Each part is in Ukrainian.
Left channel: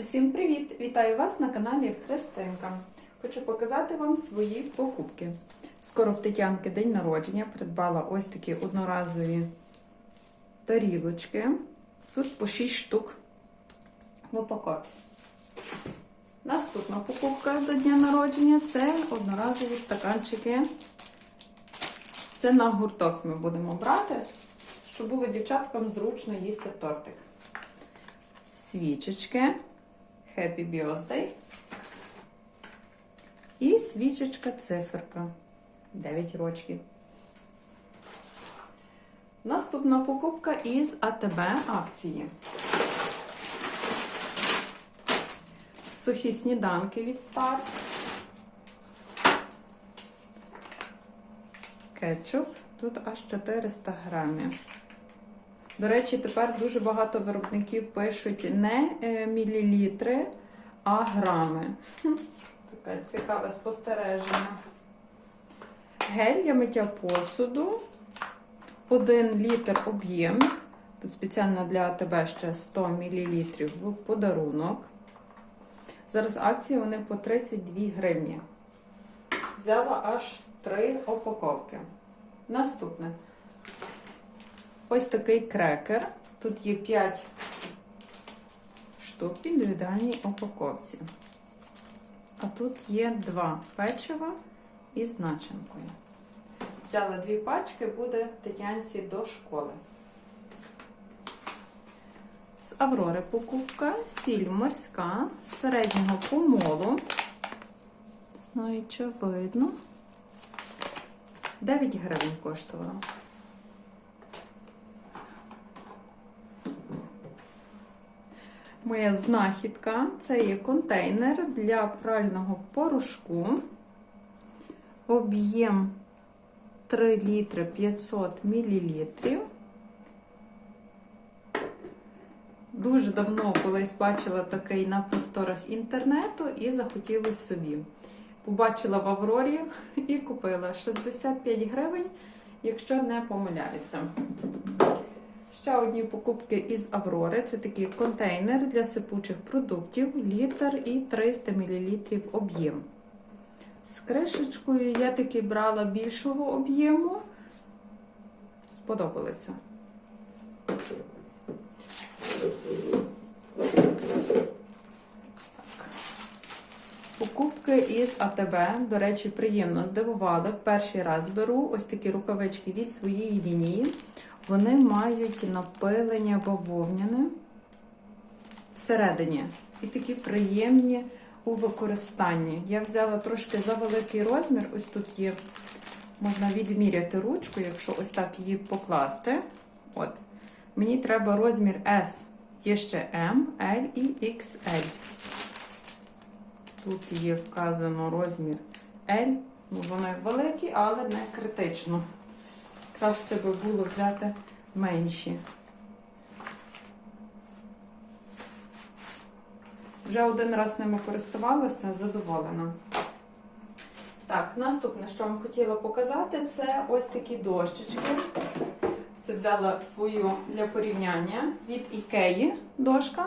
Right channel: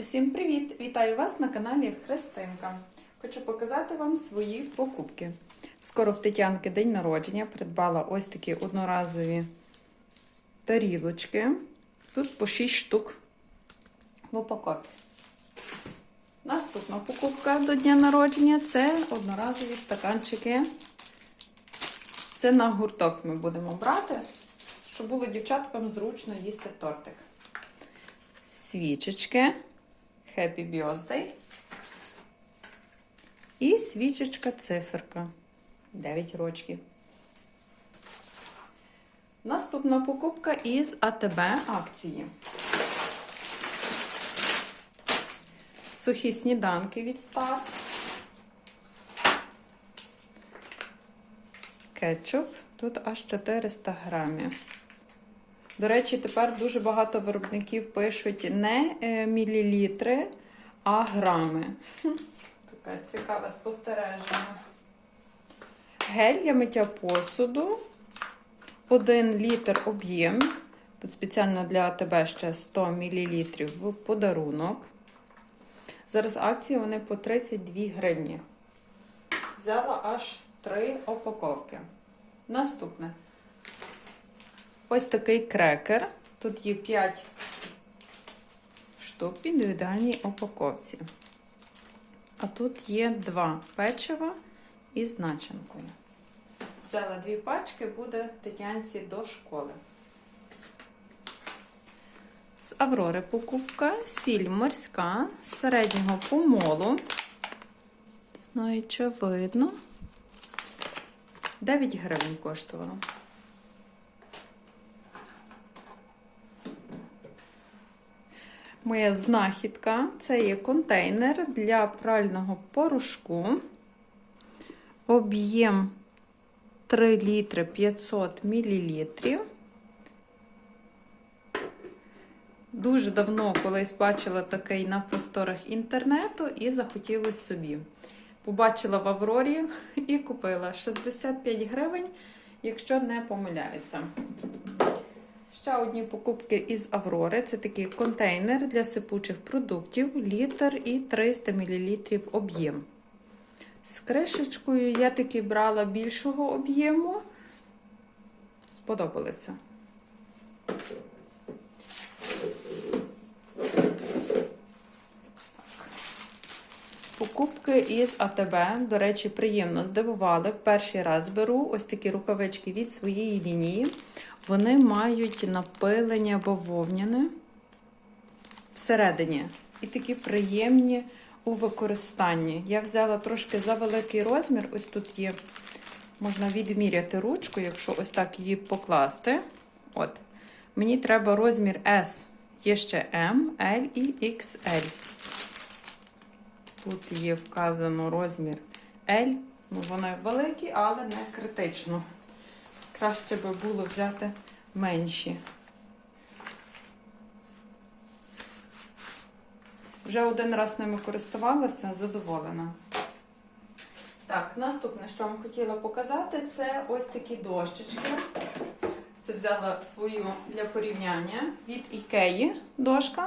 Усім привіт! Вітаю вас на каналі Христинка. Хочу показати вам свої покупки. Скоро в Тетянки день народження придбала ось такі одноразові тарілочки. Тут по 6 штук в упаковці. Наступна покупка до дня народження це одноразові стаканчики. Це на гурток ми будемо брати, щоб було дівчаткам зручно їсти тортик. Свічечки. Happy Birthday. І свічечка циферка. 9 рочків. Наступна покупка із АТБ акції. Сухі сніданки від старт. Кетчуп. Тут аж 400 грамів. До речі, тепер дуже багато виробників пишуть не е, мілілітри, а грами. Таке цікаве спостереження. Гель для миття посуду. 1 літр об'єм. Тут спеціально для тебе ще 100 мл в подарунок. Зараз акції вони по 32 гривні. Взяла аж 3 упаковки. Наступне. Ось такий крекер. Тут є 5 штук в індивідуальній упаковці. А тут є два печива із начинкою. Взяла дві пачки, буде Тетянці до школи. З Аврори покупка, сіль морська середнього помолу. Знаю, що видно. 9 гривень коштувала. Моя знахідка це є контейнер для прального порошку. Об'єм 3 літри 500 мл. Дуже давно колись бачила такий на просторах інтернету і захотілося собі. Побачила в Аврорі і купила 65 гривень, якщо не помиляюся. Ще одні покупки із Аврори. Це такий контейнер для сипучих продуктів, літр і 300 мл об'єм. З кришечкою я таки брала більшого об'єму. Сподобалося. Покупки із АТБ, до речі, приємно здивували. Перший раз беру ось такі рукавички від своєї лінії. Вони мають напилення бавовняне всередині. І такі приємні у використанні. Я взяла трошки за великий розмір. Ось тут є, можна відміряти ручку, якщо ось так її покласти. От. Мені треба розмір S. Є ще M, L і XL. Тут є вказано розмір L. Ну, вони великі, але не критично. Краще би було взяти менші. Вже один раз ними користувалася, задоволена. Так, наступне, що вам хотіла показати, це ось такі дощечки. Це взяла свою для порівняння від Ікеї дошка.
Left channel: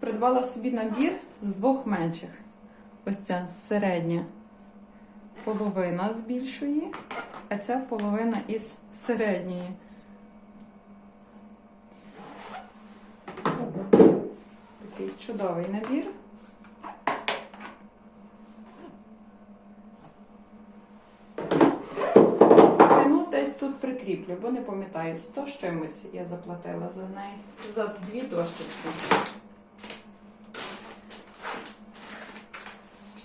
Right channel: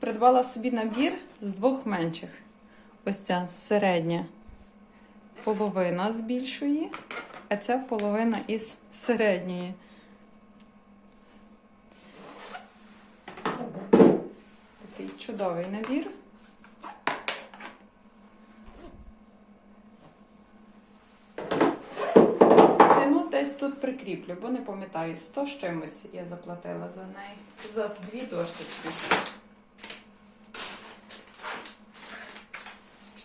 Придбала собі набір з двох менших. Ось ця середня половина з більшої, а ця половина із середньої. Такий чудовий набір. Ціну десь тут прикріплю, бо не пам'ятаю, 100 з чимось я заплатила за неї, за дві дощечки.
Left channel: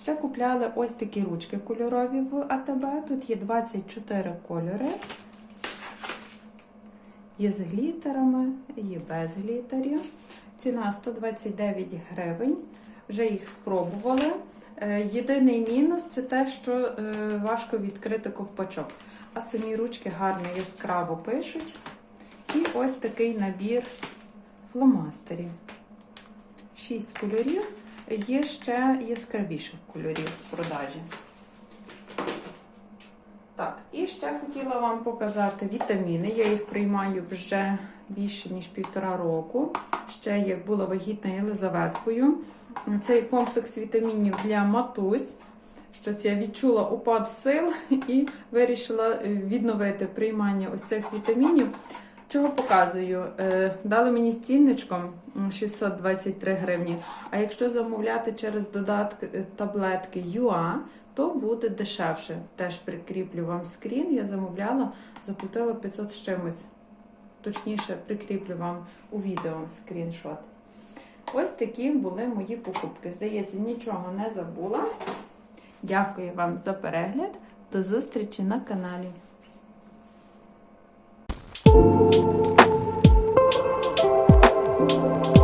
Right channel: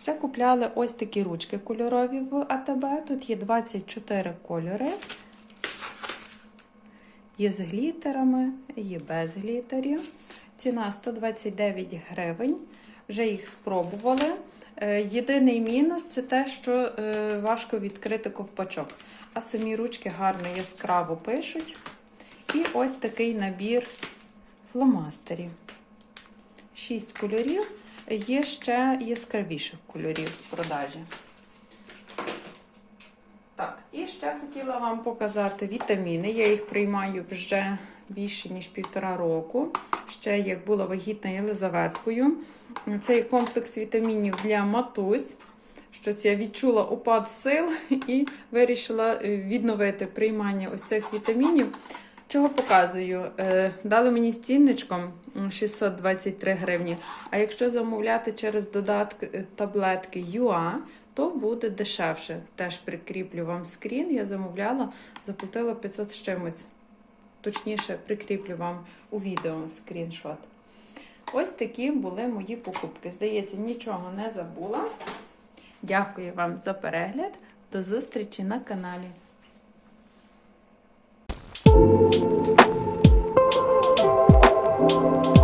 Ще купляли ось такі ручки кольорові в АТБ. Тут є 24 кольори. Є з глітерами, є без глітерів. Ціна 129 гривень. Вже їх спробували. Е, Єдиний мінус це те, що е, важко відкрити ковпачок. А самі ручки гарно яскраво пишуть. І ось такий набір фломастерів. Шість кольорів. Є ще яскравіших кольорів в продажі. Так, і ще хотіла вам показати вітаміни. Я їх приймаю вже більше, ніж півтора року. ще як була вагітна Єлизаветкою. Це комплекс вітамінів для матусь. Щось я відчула упад сил і вирішила відновити приймання ось цих вітамінів. Чого показую? Е, Дали мені з цінничком м, 623 гривні. А якщо замовляти через додатки е, таблетки UA, то буде дешевше. Теж прикріплю вам скрін. Я замовляла, заплатила 500 з чимось. Точніше, прикріплю вам у відео скріншот. Ось такі були мої покупки. Здається, нічого не забула. Дякую вам за перегляд. До зустрічі на каналі. Thank you.